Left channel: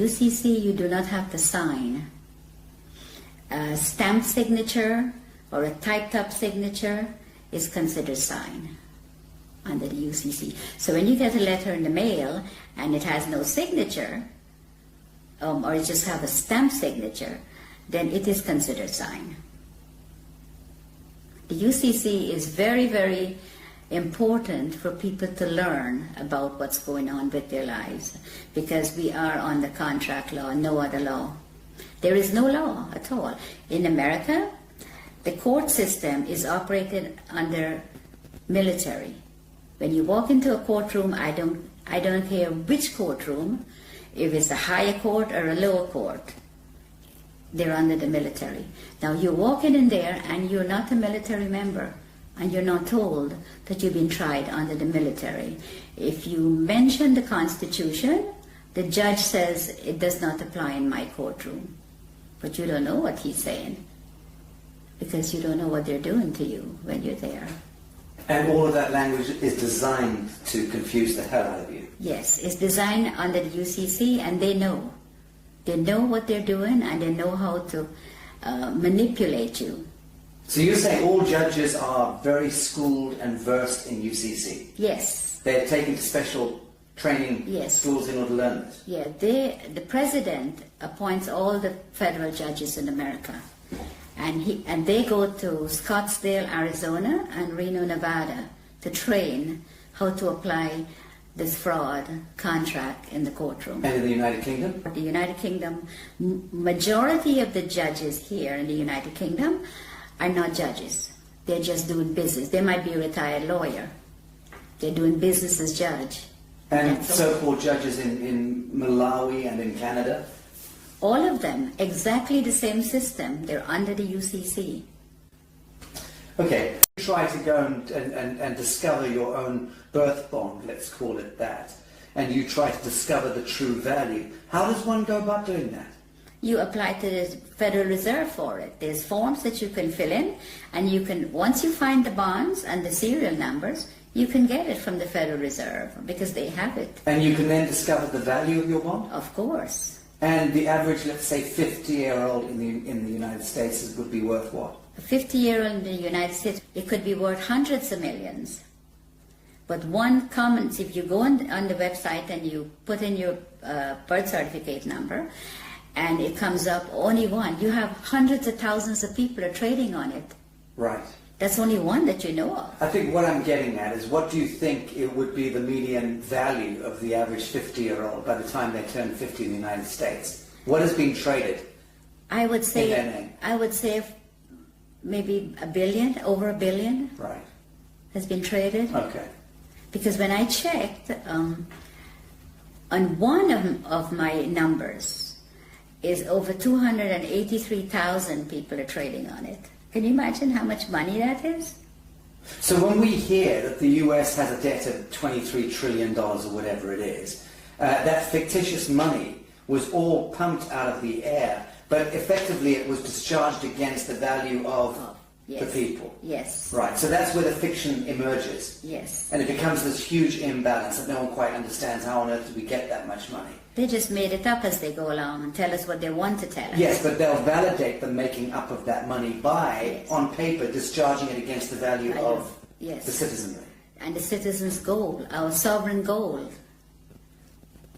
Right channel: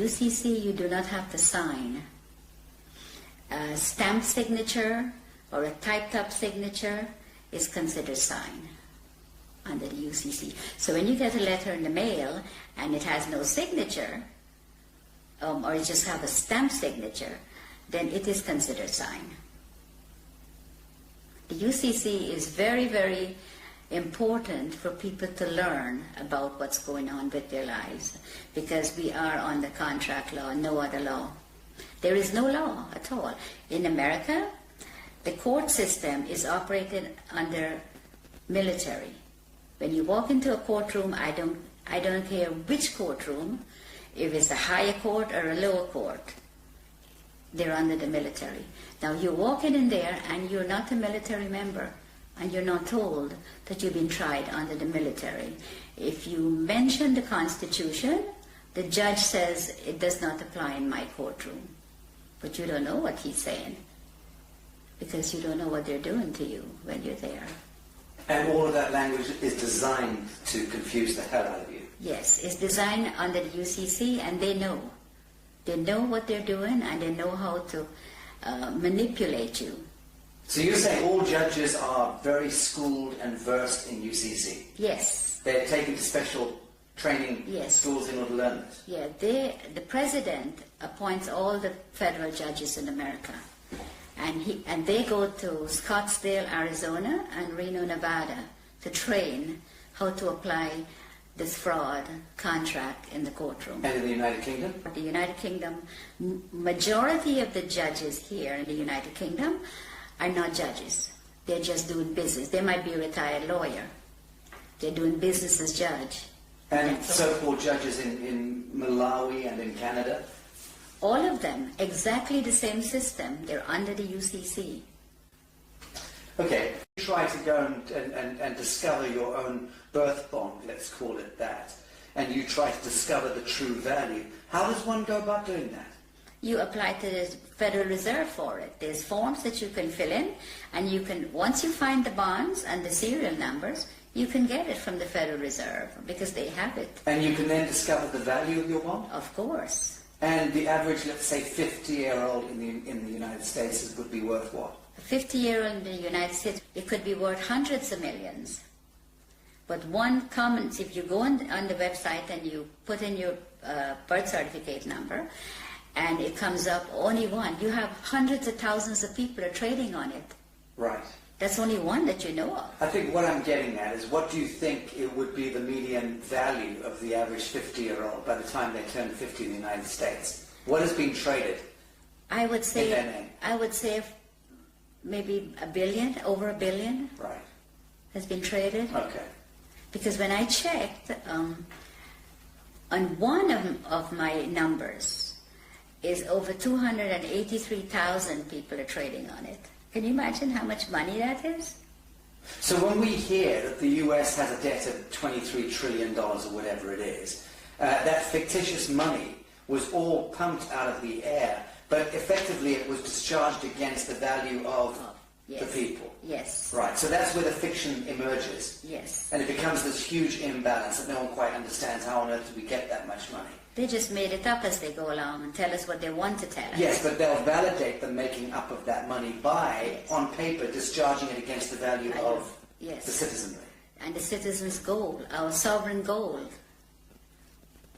UCC, you do not have to sign. A stamped signature or a typed up signature is considered signed under the UCC. So when you get a letter in the mail and it has no signature, or it just have a stamped signature, then it is considered signed. The UCC is very, very important for people to learn about what's going on with their lives, because we are on the contract law, no other law. There is no law at all. In America, the court system is operated under military. When you walk into a courtroom, I don't care which courtroom, if it's a higher court or a lower court, they're under the military. Now you're walking in there and you're not a military member, and you're not told that you've been tried under the military. If you mention the Constitution, the judge says it does not apply in my courtroom. But you don't know what he's saying, because you don't know what they're doing to you when you're there. And all of that language is designed to confuse the hell out of you. Yes, it's designed under the UCC, and they know. They know what they're doing, and they know how to manipulate you. So you're saying all judges are very schooled and versed in UCC? Yes. They're taken to special training Yes. schools in order to learn this? Yeah, the president appoints all the federal judges in America. And they go to Scottsdale, Arizona and Reno, Nevada to train how to apply this fraud contract in the courtroom. And in the United Kingdom? The United Kingdom, majority of the judges here in the United Kingdom are not judges. They're just doing business. They might be a retired lawyer. They're doing business as judge. And so-called judges in Malawi and in Canada? All of them, exactly the same system. They're under the UCC. Okay, you try to go and discover your own birth bond, let's call it that, and you try to discover the true value. How does one go about doing that? You apply to the Federal Reserve for it. There's forms that you can fill in, and you can, once you find the bonds and the serial numbers, you can get it from the Federal Reserve because they have it. And you can then discover the value of your bond? Of course. And the average, let's say, 50-year-old in the United States would be worth what? A 50-year-old in the United States, it could be worth hundreds of millions. But one comment, if you go on the website and you put in your birth certificate number, and it comes up only one, you have hundreds of thousands of people are trading on it. Right. That's only one that you know of. I think what I'm getting at is, what do you think it would be the median value of the average 50-year-old by the time they turn 50 in the United States? What is being traded? I would say, in their name? I would say maybe $1 billion, over $1 billion. Right. Has been traded. Okay. Because when I checked, on one of my numbers is over 283,000 people are trading on it. Can you imagine how much money that is? So when we hear that the US has a debt of $23 trillion or whatever it is, that fictitious money was all pumped out of the air, but effectively it was discharged against the value of Yes. the people. Yes. Right, so that's where the fiction emerges. Yes. And it becomes this huge imbalance that no one quite understands. How on earth do we get that much money? They just made it up as they go along and tell us what they want to tell us. Yes, but they'll validate the making up of that money by, Yes. on paper, discharging it against the value of Yes. the citizenry. And the citizens' gold, our sovereign gold.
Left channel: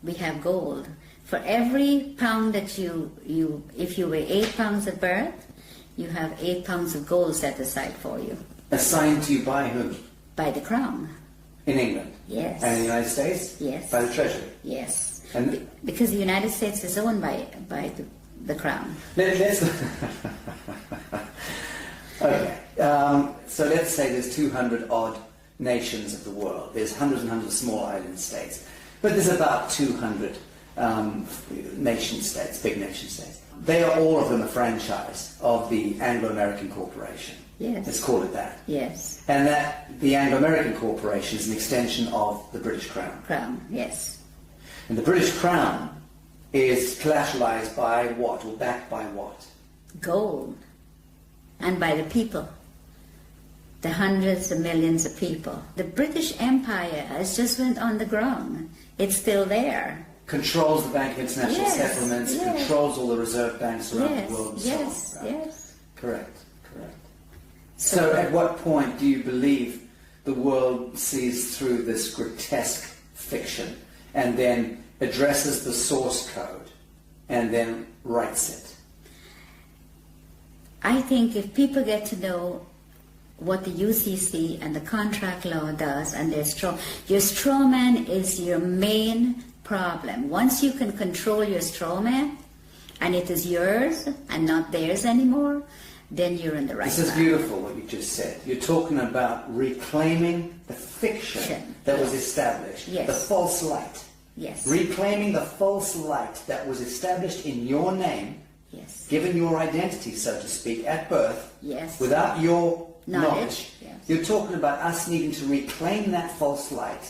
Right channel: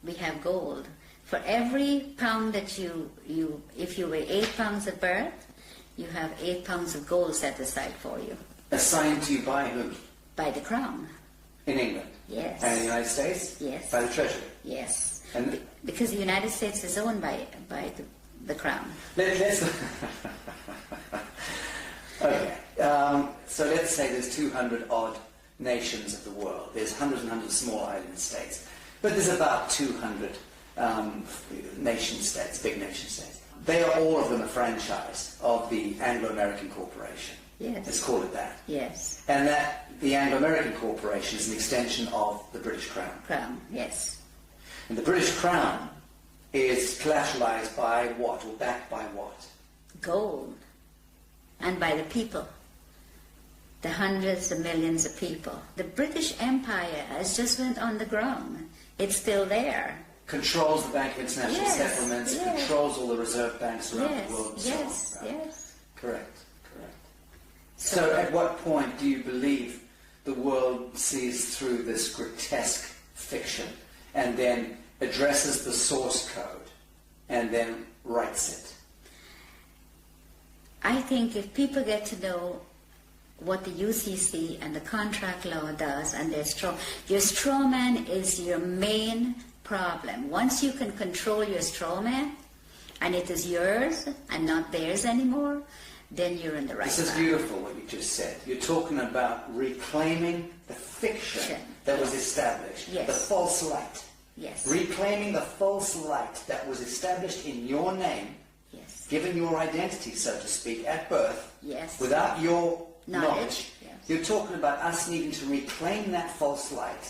We have gold. For every pound that if you weigh 8 pounds at birth, you have 8 pounds of gold set aside for you. Assigned to you by whom? By the Crown. In England? Yes. And in the United States? Yes. By the Treasury? Yes. And because the United States is owned by the Crown. let's okay. So let's say there's 200 odd nations of the world. There's hundreds and hundreds of small island states. But there's about 200 nation states, big nation states. They are all of them a franchise of the Anglo-American Corporation. Yes. Let's call it that. Yes. And that the Anglo-American Corporation is an extension of the British Crown. Crown, yes. And the British Crown is collateralized by what, or backed by what? Gold. And by the people. The hundreds of millions of people. The British Empire has just went on the ground. It's still there. controls the Bank of International Yes, Settlements, yes. controls all the reserve banks around Yes, the world and yes, so on. Right? yes. Correct. So at what point do you believe the world sees through this grotesque fiction and then addresses the source code and then writes it? I think if people get to know what the UCC and the contract law does, and your straw man is your main problem. Once you can control your straw man, and it is yours and not theirs anymore, then you're in the right path. This is beautiful what you just said. You're talking about reclaiming the fiction that was established, Yes. the false light. Yes. Reclaiming the false light that was established in your name, Yes. given your identity, so to speak, at birth, Yes. without your Knowledge, knowledge. yes. You're talking about us needing to reclaim that false light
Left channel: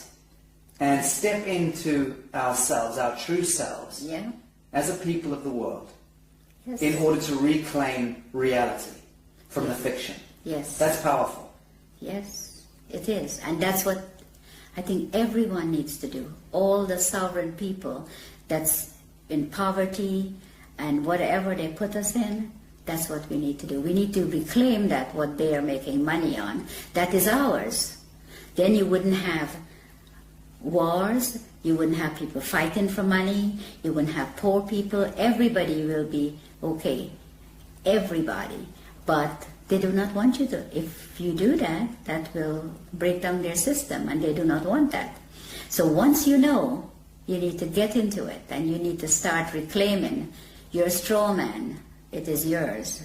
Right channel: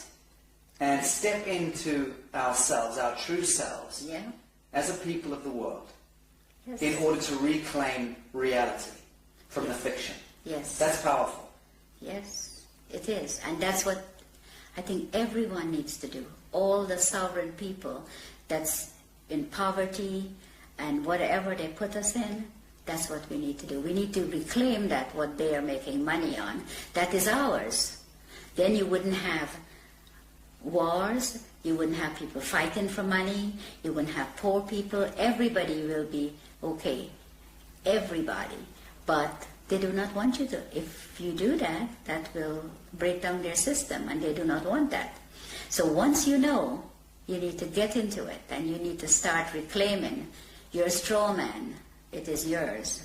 and step into ourselves, our true selves, Yeah. as a people of the world, Yes. in order to reclaim reality from the fiction. Yes. That's powerful. Yes, it is. And that's what I think everyone needs to do. All the sovereign people that's in poverty and whatever they put us in, that's what we need to do. We need to reclaim that, what they are making money on. That is ours. Then you wouldn't have wars. You wouldn't have people fighting for money. You wouldn't have poor people. Everybody will be okay. Everybody. But they do not want you to. If you do that, that will break down their system, and they do not want that. So once you know, you need to get into it, and you need to start reclaiming your straw man. It is yours.